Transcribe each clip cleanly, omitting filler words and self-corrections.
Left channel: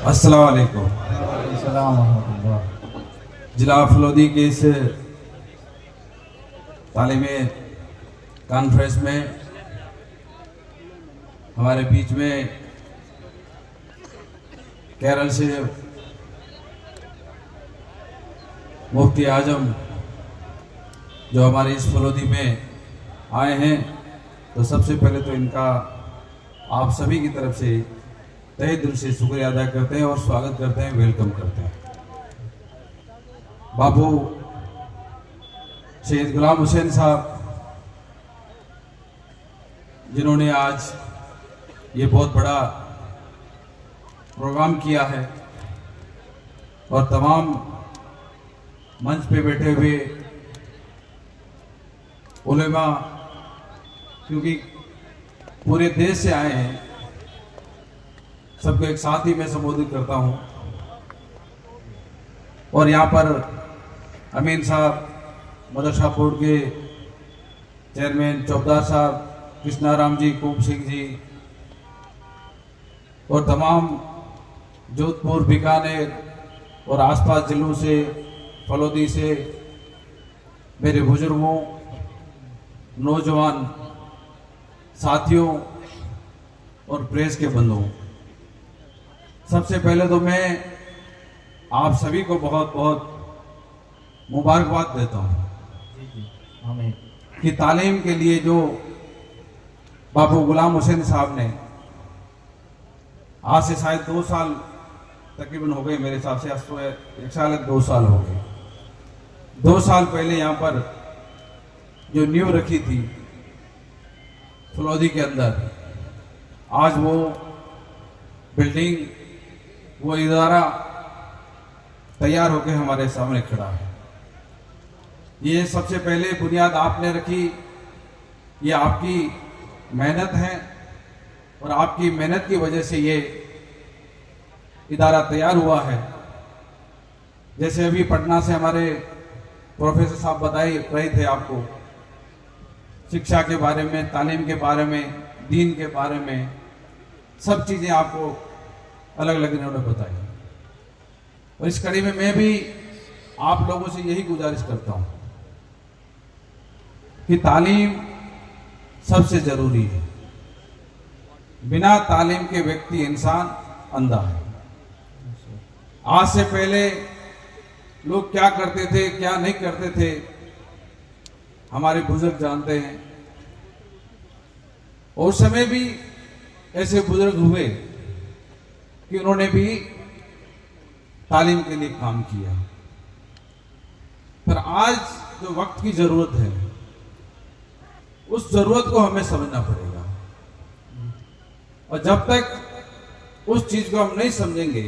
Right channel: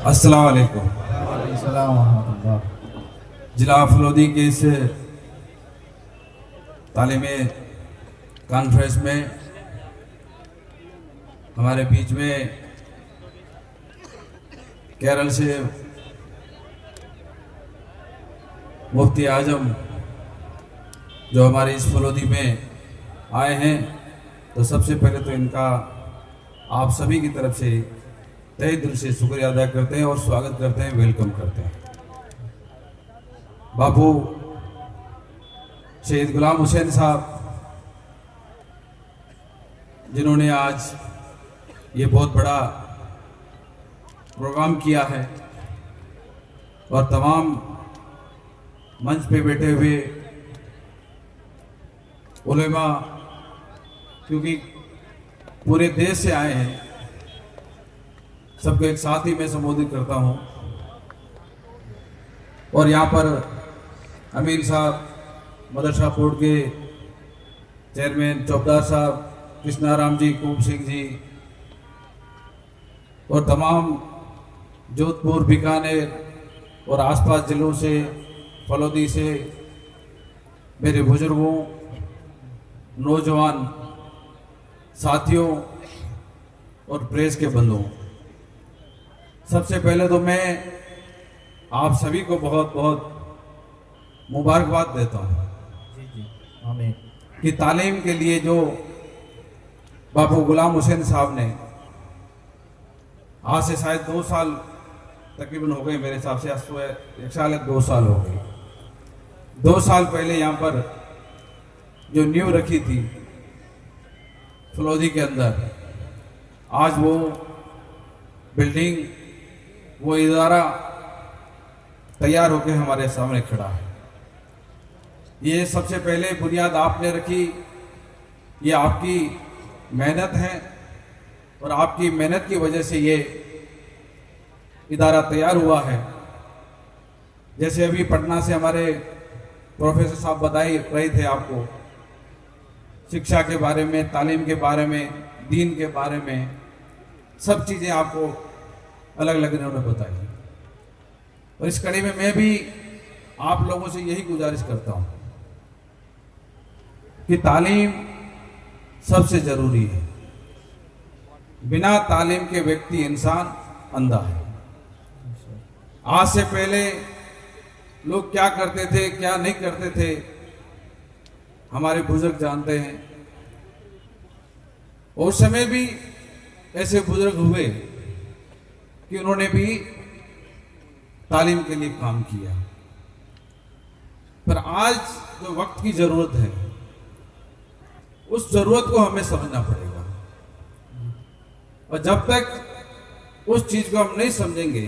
अस्सलाम वालेकुम। जिला फलोदी के इस तालीमी कॉन्फ्रेंस में हमारे बीच में केरल से मुफ्ती आजम जो हमारे इस फलोदी में आए हैं, तो सबसे पहले तो इनका आप सभी की तरफ से तहे दिल से शुक्रिया अदा करते हैं और स्वागत करते हैं, वेलकम करते हैं। बाबू शहीद गुलाम हुसैन साहब जिन्होंने आज ये बहुत बड़ा प्रोग्राम किया है और तमाम मंच पे बैठे हुए उलेमा, क्योंकि पूरे देश से आए हैं, सबको एक साथ ही मैं संबोधित करता हूं। और यहाँ पर अमीन साहब, मदरसा बोर्ड के चेयरमैन चौबदार साहब, कृष्णाराम जी, कुब सिंह जी और तमाम जोधपुर, बीकानेर और आसपास जिलों से, फलोदी से मेरे बुजुर्गों, नौजवान साथियों और प्रेस के बंधुओं, सबसे पहले तो मैं आप सभी को बहुत बहुत मुबारकबाद देता हूँ कि तालीम के लिए जो बाबू गुलाम हुसैन साहब ने आज से शायद 2 साल तकरीबन हो गए, मेरे हिसाब से 1 साल 2 साल हो गए। 2 साल पहले यहाँ पर जो नींव रखी थी फलोदी के अंदर, आज वो बिल्डिंग, वो इदारा तैयार होकर हमारे सामने खड़ा है। ये सबसे पहले बुनियाद आपने रखी, ये आपकी मेहनत है और आपकी मेहनत की वजह से ये इदारा तैयार हुआ है। जैसे अभी पटना से हमारे प्रोफेसर साहब बताए रहे थे आपको शिक्षा के बारे में, तालीम के बारे में, दीन के बारे में, सब चीज़ें आपको अलग अलग इन्होंने बताई। और इस कड़ी में मैं भी आप लोगों से यही गुजारिश करता हूं कि तालीम सबसे जरूरी है। बिना तालीम के व्यक्ति, इंसान अंधा है। आज से पहले लोग क्या करते थे, क्या नहीं करते थे, हमारे बुजुर्ग जानते हैं। और उस समय भी ऐसे बुजुर्ग हुए कि उन्होंने भी तालीम के लिए काम किया। पर आज जो वक्त की जरूरत है, उस जरूरत को हमें समझना पड़ेगा। और जब तक उस चीज को हम नहीं समझेंगे,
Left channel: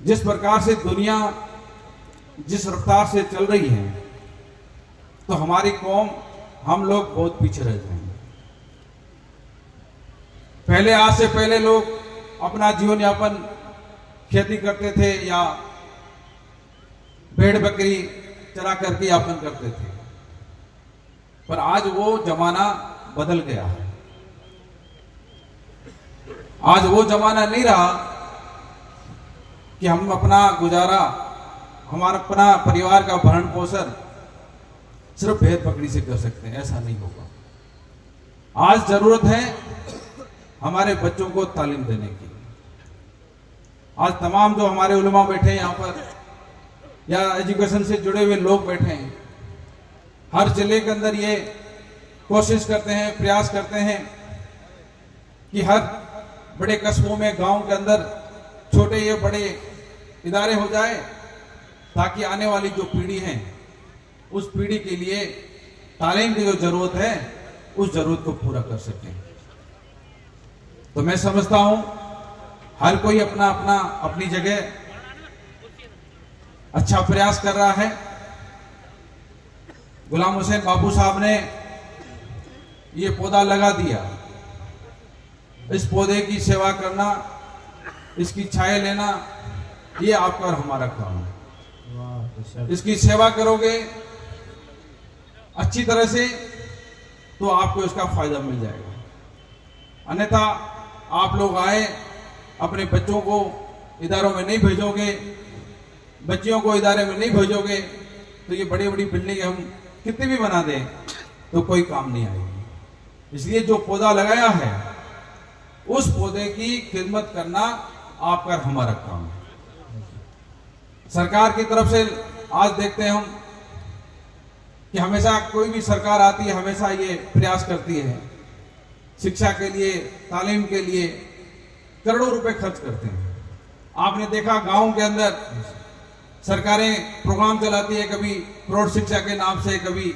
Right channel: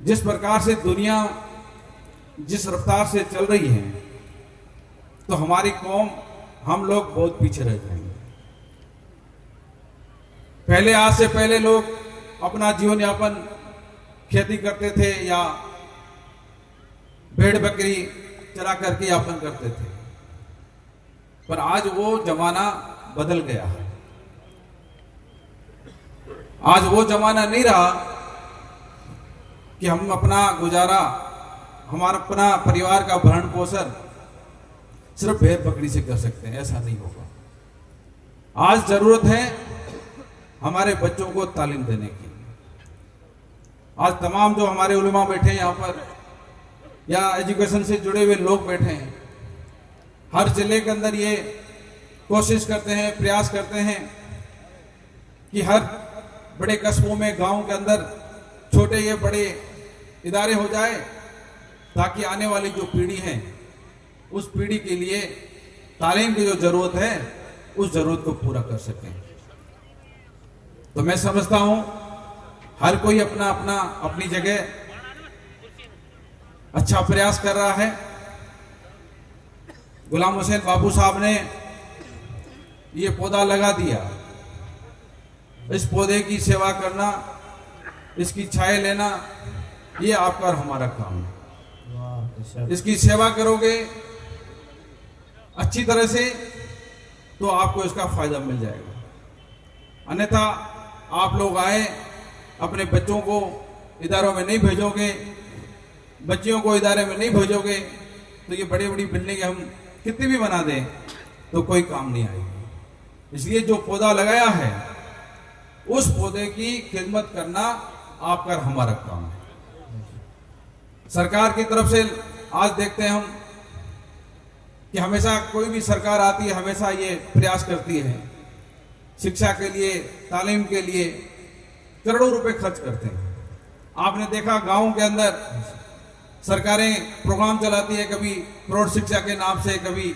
जिस प्रकार से दुनिया जिस रफ्तार से चल रही है, तो हमारी कौम, हम लोग बहुत पीछे रह जाएंगे। पहले, आज से पहले लोग अपना जीवन यापन खेती करते थे या भेड़ बकरी चरा करके यापन करते थे, पर आज वो जमाना बदल गया है। आज वो जमाना नहीं रहा कि हम अपना गुजारा, हमारा अपना परिवार का भरण पोषण सिर्फ भेड़ बकरी से कर सकते हैं, ऐसा नहीं होगा। आज जरूरत है हमारे बच्चों को तालीम देने की। आज तमाम जो हमारे उलमा बैठे हैं यहाँ पर, या एजुकेशन से जुड़े हुए लोग बैठे हैं, हर जिले के अंदर ये कोशिश करते हैं, प्रयास करते हैं कि हर बड़े कस्बों में, गांव के अंदर छोटे ये बड़े इदारे हो जाए, ताकि आने वाली जो पीढ़ी है, उस पीढ़ी के लिए तालीम की जो जरूरत है, उस जरूरत को पूरा कर सके। तो मैं समझता हूं हर कोई अपना अपना अपनी जगह अच्छा प्रयास कर रहा है। गुलाम हुसैन बाबू साहब ने ये पौधा लगा दिया, इस पौधे की सेवा करना, इसकी छाया लेना, ये आपका और हमारा काम है। इसकी सेवा करोगे अच्छी तरह से तो आपको इसका फायदा मिल जाएगा। अन्यथा आप लोग आए अपने बच्चों को इदारों में नहीं भेजोगे, बच्चियों को इदारे में नहीं भेजोगे, तो ये बड़ी बड़ी बिल्डिंग हम कितनी भी बना दें तो कोई काम नहीं आएगी। इसलिए जो पौधा लगाया है उस पौधे की खिदमत करना आपका और हमारा काम है। सरकार की तरफ से आज देखते हैं हम कि हमेशा कोई भी सरकार आती है, हमेशा ये प्रयास करती है, शिक्षा के लिए, तालीम के लिए करोड़ों रुपए खर्च करते हैं। आपने देखा गांव के अंदर सरकारें प्रोग्राम चलाती है, कभी प्रौढ़ शिक्षा के नाम से, कभी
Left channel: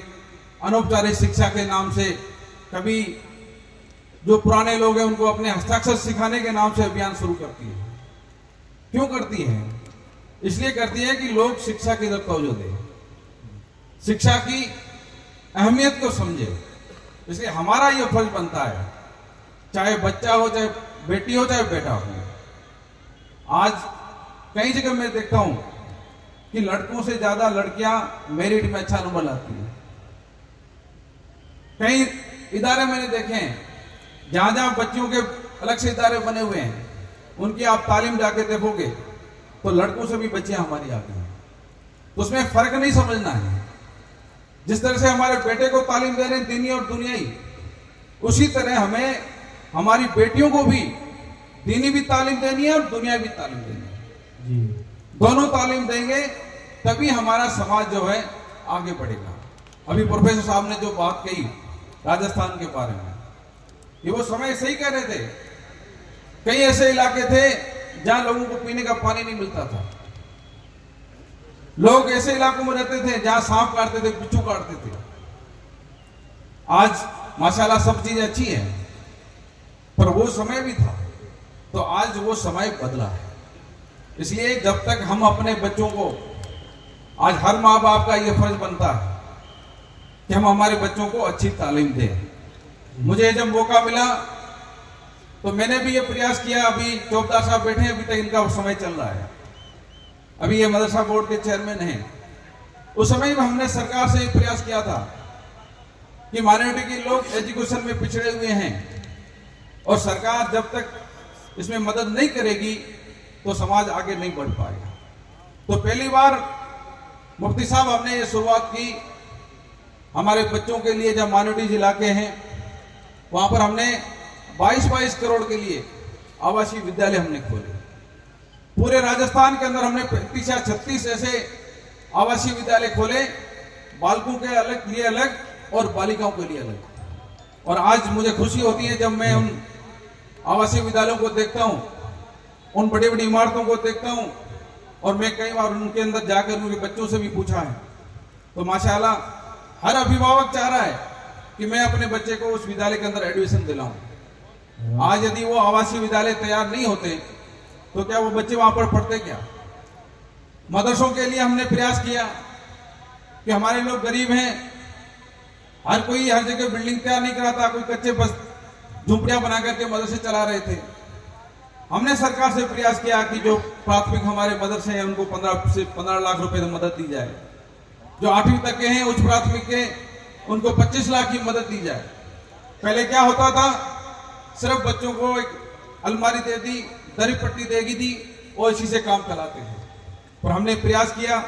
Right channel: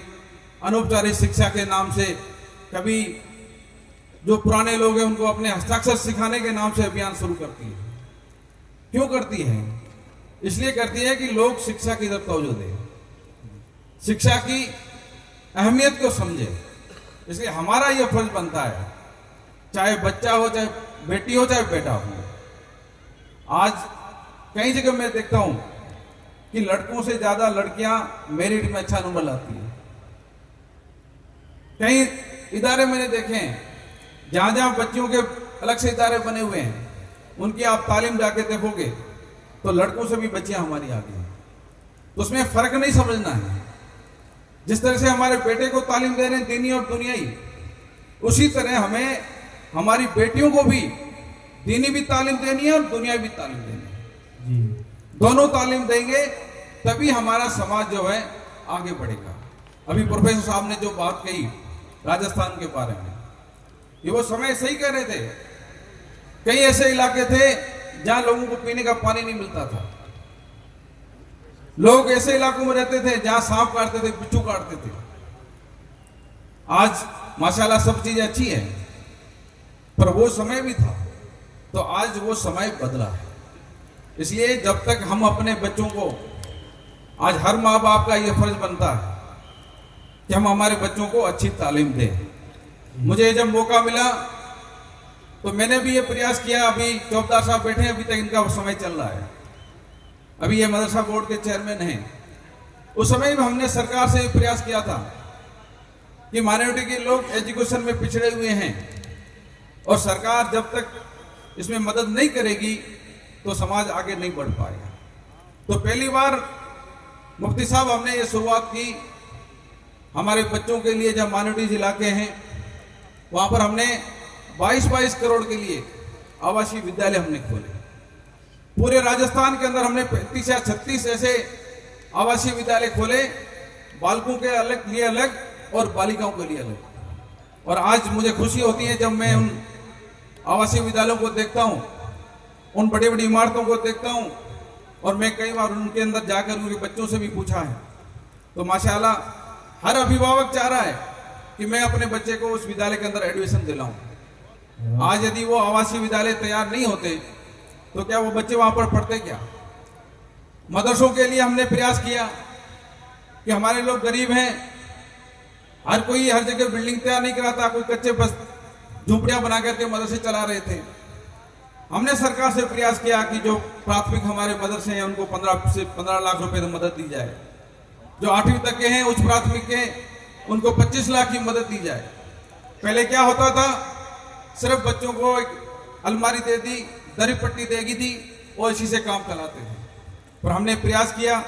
अनौपचारिक शिक्षा के नाम से, कभी जो पुराने लोग हैं उनको अपने हस्ताक्षर सिखाने के नाम से अभियान शुरू करती है। क्यों करती है? इसलिए करती है कि लोग शिक्षा की तरफ तवज्जो दें, शिक्षा की अहमियत को समझे। इसलिए हमारा यह फर्ज बनता है, चाहे बच्चा हो, चाहे बेटी हो, चाहे बेटा हो। आज कई जगह मैं देखता हूं कि लड़कों से ज्यादा लड़कियां मेरिट में अच्छा नंबर लाती हैं। कई इदारे मैंने देखे हैं जहां जहां बच्चियों के अलग से इदारे बने हुए हैं, उनकी आप तालीम जाके देखोगे तो लड़कों से भी बच्चियां हमारी आती हैं। तो उसमें फर्क नहीं समझना है। जिस तरह से हमारे बेटे को तालीम दे रहे हैं दीनी और दुनियाई, उसी तरह हमें हमारी बेटियों को भी दीनी भी तालीम देनी है और दुनियाई भी तालीम देनी है। दोनों तालीम देंगे तभी हमारा समाज जो है आगे बढ़ेगा। अभी प्रोफेसर साहब ने जो बात कही राजस्थान के बारे में, ये वो समय सही कह रहे थे। कई ऐसे इलाके थे जहां लोगों को पीने का पानी नहीं मिलता था। लोग ऐसे इलाकों में रहते थे जहां सांप काटते थे, बिच्छू काटते थे। आज माशाल्लाह सब चीजें अच्छी है, पर वो समय भी था। तो आज वो समय बदला है। इसलिए जब तक हम अपने बच्चों को, आज हर माँ बाप का यह फर्ज बनता है कि हम हमारे बच्चों को अच्छी तालीम दें। मुझे जब मौका मिला तो मैंने भी ये प्रयास किया। अभी चौबदार साहब बैठे हैं, अभी तक इनका समय चल रहा है, अभी ये मदरसा बोर्ड के चेयरमैन हैं। उस समय में हमने सरकार से प्रयास किया था कि माइनॉरिटी के लोग एजुकेशन में पिछड़े हुए हैं और सरकार जब तक इसमें मदद नहीं करेगी तो समाज आगे नहीं बढ़ पाएगा। तो पहली बार मुफ्ती साहब हमने ये शुरुआत की हमारे बच्चों के लिए। जब माइनॉरिटी इलाके हैं वहां पर हमने 22 करोड़ के लिए आवासीय विद्यालय हमने खोले। पूरे राजस्थान के अंदर हमने 35 या 36 ऐसे आवासीय विद्यालय खोले, बालकों के लिए अलग और बालिकाओं के लिए अलग। और आज मुझे खुशी होती है जब मैं उन आवासीय विद्यालयों को देखता हूं, उन बड़ी बड़ी इमारतों को देखता हूं, और मैं कई बार उनके अंदर जाकर उनके बच्चों से भी पूछा है। तो माशाल्लाह हर अभिभावक चाह रहा है कि मैं अपने बच्चे को उस विद्यालय के अंदर एडमिशन दिलाऊं। आज यदि वो आवासीय विद्यालय तैयार नहीं होते तो क्या वो बच्चे वहां पर पढ़ते क्या? मदरसों के लिए हमने प्रयास किया कि हमारे लोग गरीब हैं, हर कोई हर जगह बिल्डिंग तैयार नहीं कराता, कोई कच्चे बस झुंपड़ियां बना करके मदरसे चला रहे थे। हमने सरकार से प्रयास किया कि जो प्राथमिक हमारे मदरसे हैं उनको 15 से 15 लाख रुपए की मदद दी जाए। जो 8वीं तक के हैं उच्च प्राथमिक के, उनको 25 लाख की मदद दी जाए। पहले क्या होता था, सिर्फ बच्चों को एक अलमारी दे दी, दरी पट्टी देगी दी और इसी से काम चलाते हैं। पर हमने प्रयास किया,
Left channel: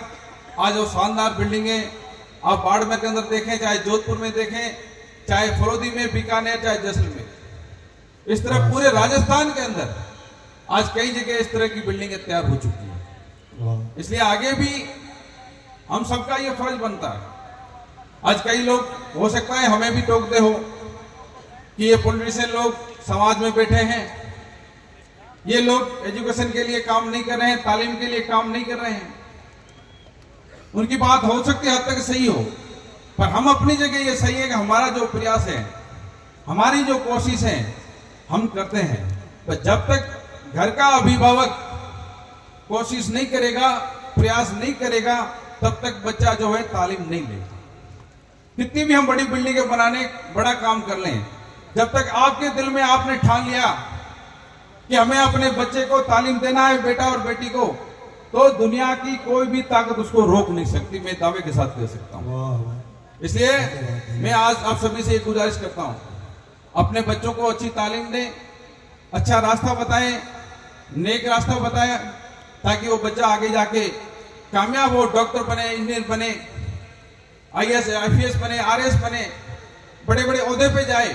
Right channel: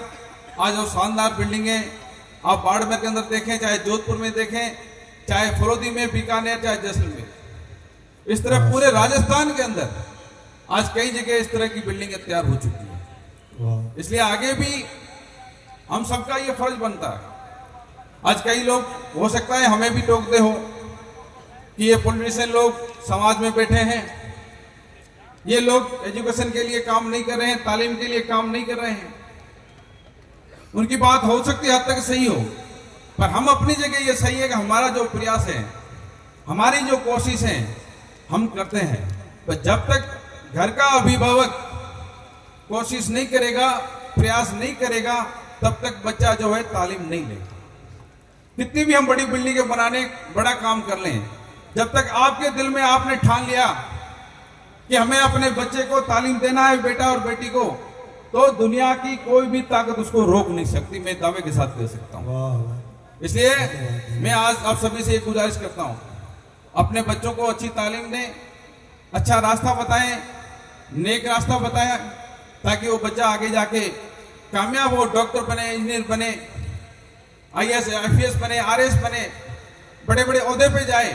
आज वो शानदार बिल्डिंगें आप बाड़मेर के अंदर देखें, चाहे जोधपुर में देखें, चाहे फरोदी में, बीकानेर, चाहे जैसलमेर, इस तरह पूरे राजस्थान के अंदर आज कई जगह इस तरह की बिल्डिंगें तैयार हो चुकी हैं। इसलिए आगे भी हम सबका ये फर्ज बनता है। आज कई लोग हो सकता है हमें भी टोकते हो कि ये पॉलिटिशियन लोग समाज में बैठे हैं, ये लोग एजुकेशन के लिए काम नहीं कर रहे हैं, तालीम के लिए काम नहीं कर रहे हैं। उनकी बात हो सकती है हद तक सही हो, पर हम अपनी जगह ये सही है कि हमारा जो प्रयास है, हमारी जो कोशिश है हम करते हैं। पर जब तक घर का अभिभावक कोशिश नहीं करेगा, प्रयास नहीं करेगा, तब तक बच्चा जो है तालीम नहीं लेगा। कितनी भी हम बड़ी बिल्डिंगें बनाने बड़ा काम कर लें, जब तक आपके दिल में आपने ठान लिया कि हमें अपने बच्चे को तालीम देना है, बेटा और बेटी को, तो दुनिया की कोई भी ताकत उसको रोक नहीं सकती। मैं दावे के साथ कह सकता हूँ। इसलिए मैं आज आप सभी से एक गुजारिश करता हूँ, अपने बच्चों को अच्छी तालीम दें, अच्छा रास्ता बताएं, नेक रास्ता बताया ताकि वो बच्चा आगे जाके कामयाब हो, डॉक्टर बने, इंजीनियर बने, IAS IPS बने, RS बने, बड़े बड़े ओहदे पे जाए।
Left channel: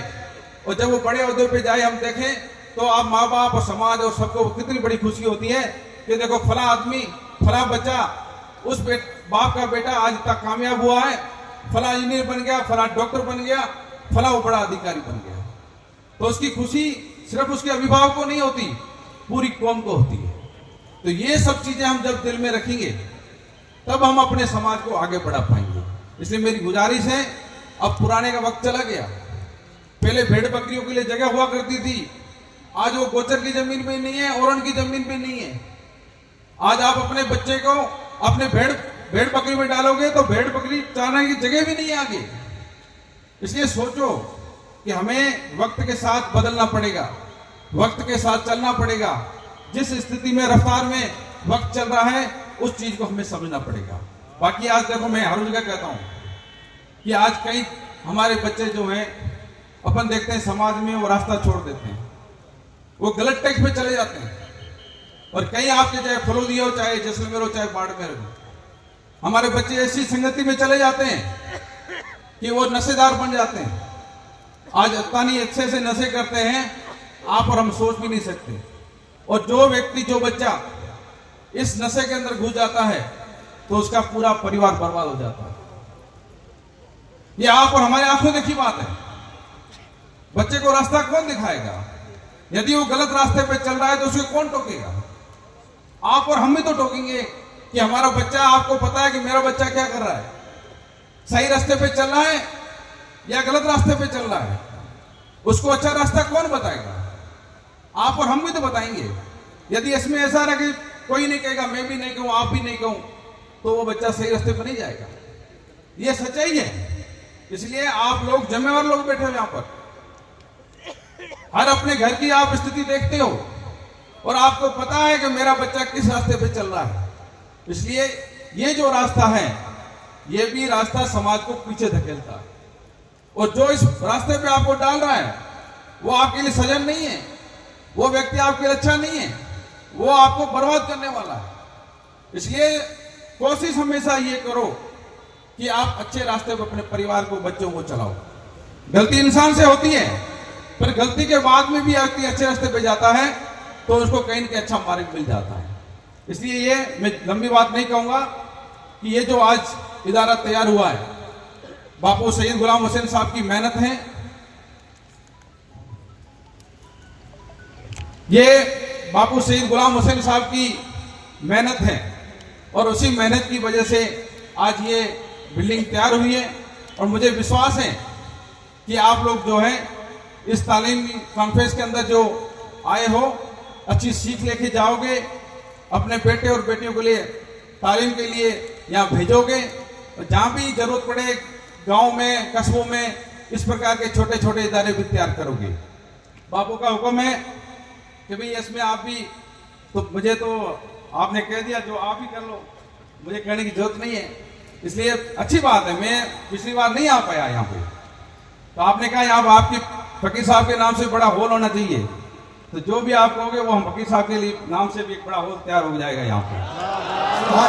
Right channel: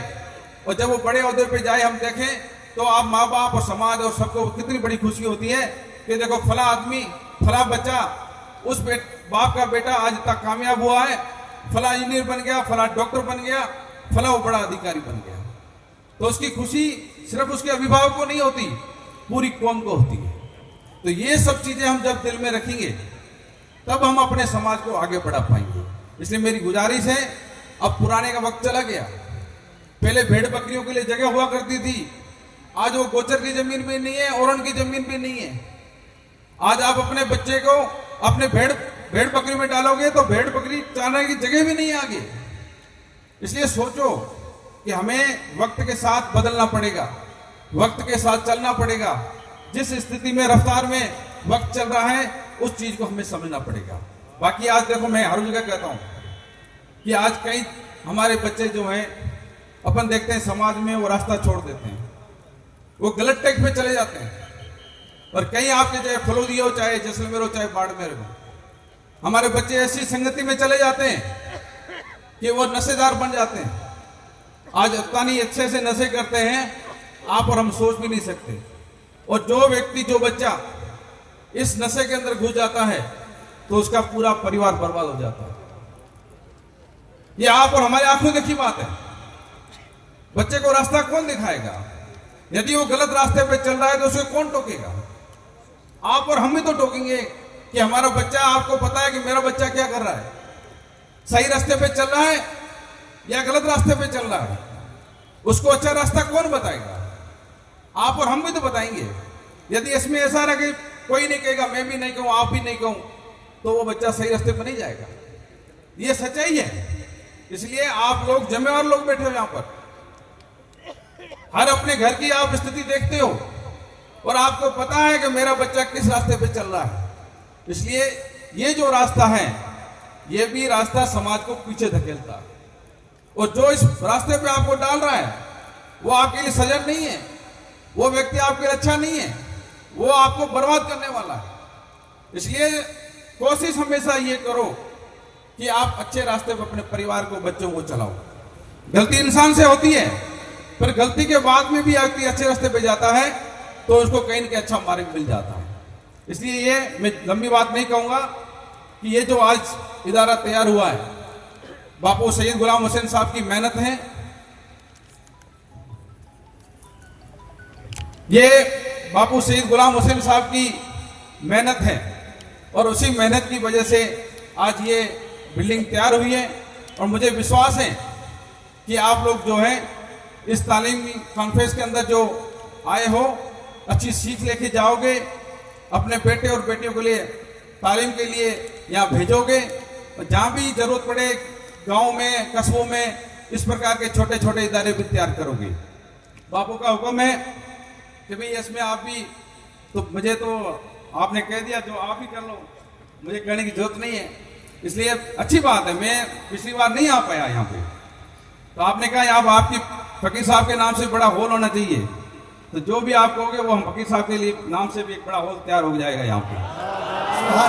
और जब वो बड़े ओहदे पे जाए हम देखें तो आप माँ बाप और समाज और सबको कितनी बड़ी खुशी होती है कि देखो फला आदमी, फला बच्चा, उस बाप का बेटा आज तक कामयाब हुआ है, फला इंजीनियर बन गया, फला डॉक्टर बन गया, फला वो बड़ा अधिकारी बन गया। तो उसकी खुशी सिर्फ उसके अभिभावक को नहीं होती, पूरी कौम को होती है। तो ये सब चीजें हम जब दिल में रखेंगे तब हम अपने समाज को आगे बढ़ा पाएंगे। इसलिए मेरी गुजारिश है, अब पुराने का वक्त चला गया। पहले भेड़ बकरियों के लिए जगह हुआ करती थी, आज वो गोचर की जमीन पे नहीं है, औरन की जमीन पे नहीं है। आज आप अपने बच्चे को अपने भेड़ बकरी में डालोगे तो भेड़ बकरी चारने की जगह भी नहीं है आगे। इसलिए सोचो कि हमें वक्त के साथ बदलना पड़ेगा, वक्त के साथ चलना पड़ेगा। जिस स्थिति में, रफ्तार में वक्त चल रहा है उस चीज को हमें समझना पड़ेगा। बाकी आज देखो, मैं हर जगह कहता हूं कि आज कई हमारे बच्चे जो हैं, अपन देखते हैं समाज में वो रास्ता छोड़ देते हैं, वो गलत ट्रैक पे चले जाते हैं। और कई आपके चाहे फलोदिया हो, चाहे जैसलमेर हो, चाहे बाड़मेर हो, हमारे बच्चे ऐसी संगति में चले जाते हैं कि वो नशेदार बन जाते हैं। आज अत्तानी अच्छे से नशे करते हैं, आप और हम सोच भी नहीं सकते। और जो व्यक्ति, जो बच्चा इस नशे के अंदर घुस जाता है तो उसका पूरा परिवार बर्बाद हो जाता है। ये आप और हमारे आंखों देखी बात है। बच्चे को रास्ता कौन दिखाएगा? यदि वो गलत रास्ते पे चल रहा है तो उसको कौन टोकेगा? आप और हम भी तो टोकेंगे कि हमारा बच्चा, आपको पता है कि मेरा बच्चा क्या कर रहा है, सही रास्ते पे चल रहा है या गलत रास्ते पे चल रहा है। उसको अच्छा रास्ता कौन बताएगा? आप और हम भी तो बताएंगे। यदि इसमें ऐसा रहे कि कोई नहीं कहेगा, मैं भी नहीं कहूं, आप भी नहीं कहूं, तो वो बच्चा सही रास्ते पे नहीं जाएगा। ये सच्चाई है। इसलिए आप लोग, जिम्मेवार लोग बैठे हो यहां पर, हर अपने घर की आप स्थिति देखते हो और आपको पता है कि मेरा बच्चा किस रास्ते पे चल रहा है। इसलिए ये जो रास्ता है, ये भी रास्ता समाज को पीछे धकेलता है। और जो इस रास्ते पे आपको डाल रहा है वो आपके लिए सजन नहीं है, वो व्यक्ति आपके लिए अच्छा नहीं है, वो आपको बर्बाद करने वाला है। इसलिए कोशिश हमेशा ये करो कि आप अच्छे रास्ते पर अपने परिवार को, बच्चों को चलाओ। गलती इंसान से होती है, पर गलती के बाद में भी व्यक्ति अच्छे रास्ते पे जाता है तो उसको कहीं न कहीं अच्छा मार्ग मिल जाता है। इसलिए ये मैं लंबी बात नहीं कहूंगा कि ये जो आज इदारा तैयार हुआ है, बापू सैयद गुलाम हुसैन साहब की मेहनत है। ये बापू सैयद गुलाम हुसैन साहब की मेहनत है और उसी मेहनत की वजह से आज ये बिल्डिंग तैयार हुई है। और मुझे विश्वास है कि आप लोग जो है इस तालीमी कॉन्फ्रेंस के अंदर जो आए हो, अच्छी सीख लेके जाओगे, अपने बेटे और बेटियों के लिए तालीम के लिए यहाँ भेजोगे। और जहाँ भी जरूरत पड़े गांव में, कस्बों में इस प्रकार के छोटे छोटे इदारे भी तैयार करोगे। बापू का हुक्म है कि भाई इसमें आप भी, तो मुझे तो आपने कह दिया जो आप ही कर लो, मुझे कहने की जरूरत नहीं है। इसलिए अच्छी बात है, मैं पिछली बार नहीं आ पाया यहाँ पे, तो आपने कहा अब आपकी फकीर साहब के नाम से बड़ा हॉल होना चाहिए, तो जो भी आप कहोगे वो हम फकीर साहब के लिए नाम से भी एक बड़ा हॉल तैयार हो जाएगा यहाँ पे।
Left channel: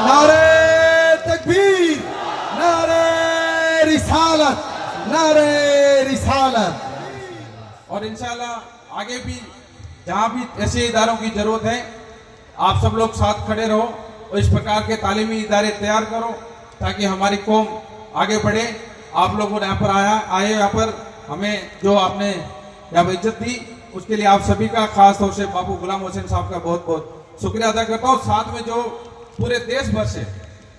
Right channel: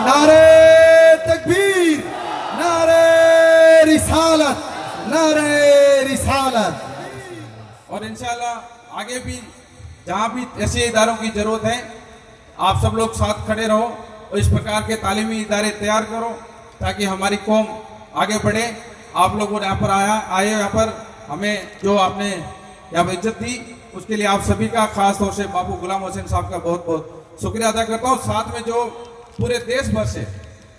नारे तकबीर, नारे रिसालत, नारे रिसालत। और इंशाल्लाह आगे भी जहाँ भी ऐसे इदारों की जरूरत है, आप सब लोग साथ खड़े रहो और इस प्रकार के तालीमी इदारे तैयार करो ताकि हमारी कौम आगे बढ़े। आप लोगों ने यहाँ पर आए यहाँ पर हमें जो आपने यहाँ पर इज्जत दी, उसके लिए आप सभी का, खास तौर से बापू गुलाम हुसैन साहब का बहुत बहुत शुक्रिया अदा करता हूँ। साथ में जो पूरे देश भर से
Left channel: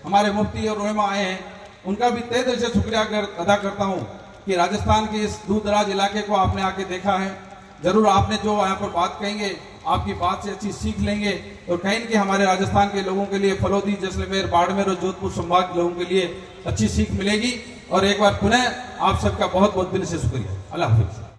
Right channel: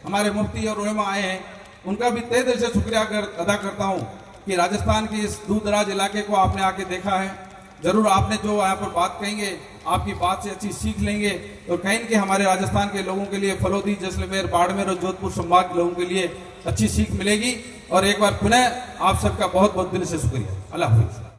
हमारे मुफ्ती और उलेमा आए हैं, उनका भी तहे दिल से शुक्रिया अदा करता हूँ कि राजस्थान के इस दूर दराज इलाके को आपने आके देखा है। जरूर आपने जो यहाँ पर बात कहेंगे, आपकी बात से अच्छी सीख लेंगे और कहीं कि हमारे राजस्थान के लोगों के लिए, फलोदी, जैसलमेर, बाड़मेर और जोधपुर संभाग के लोगों के लिए अच्छी सीख मिलेगी। और एक बार पुनः आप सबका बहुत बहुत दिल से शुक्रिया। अल्लाह हाफिज।